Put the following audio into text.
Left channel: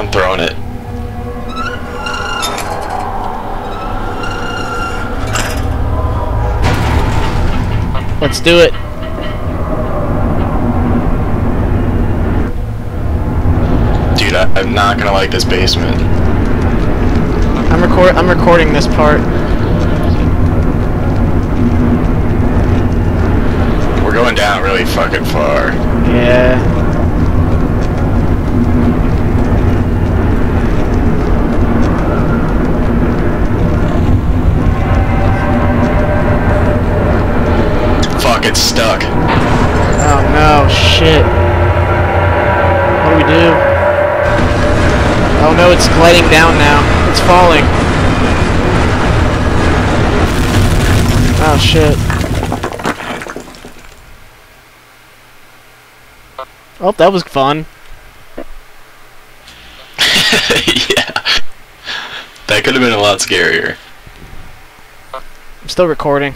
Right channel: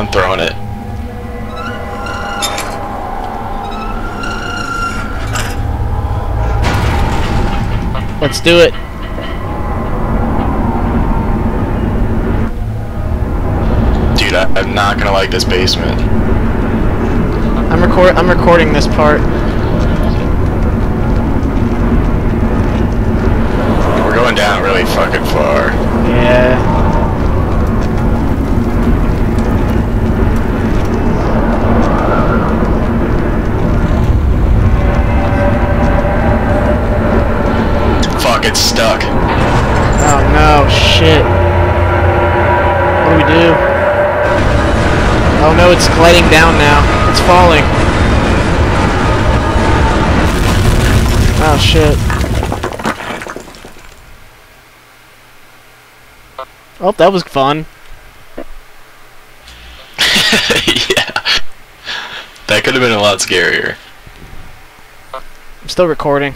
I'm throwing it. Let's do it. Dude, I'm not gonna like this basement. I'm recording this part. We're going down really fucking far. Yeah. Fuck, it's stuck. Oh no, shit. What do we do? Oh no, it's gliding down now. It's falling. Oh shit. Oh, that was fun. Yeah. That could have been a lot scarier. I'm still recording.